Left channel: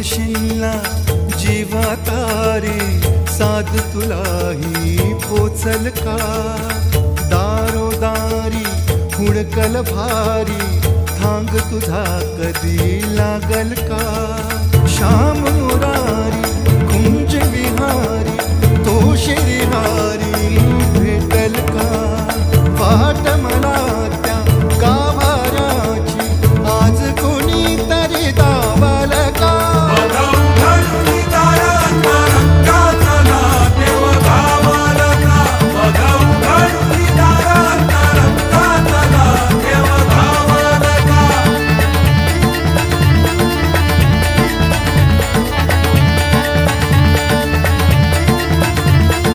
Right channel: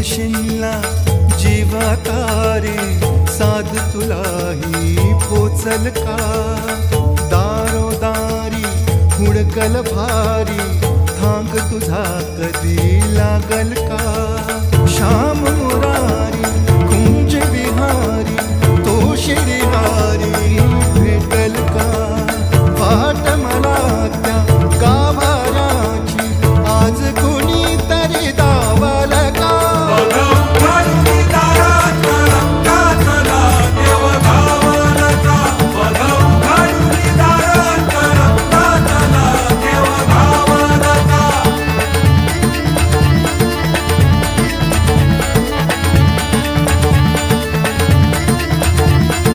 म्हणशीला जीवातारी साध तुलाही पोचल का? दारोदारी हुडकल भारी थांग तुझा कधी लागल का? श्याम मुरारी कुंज विहारी तो श्रीहारी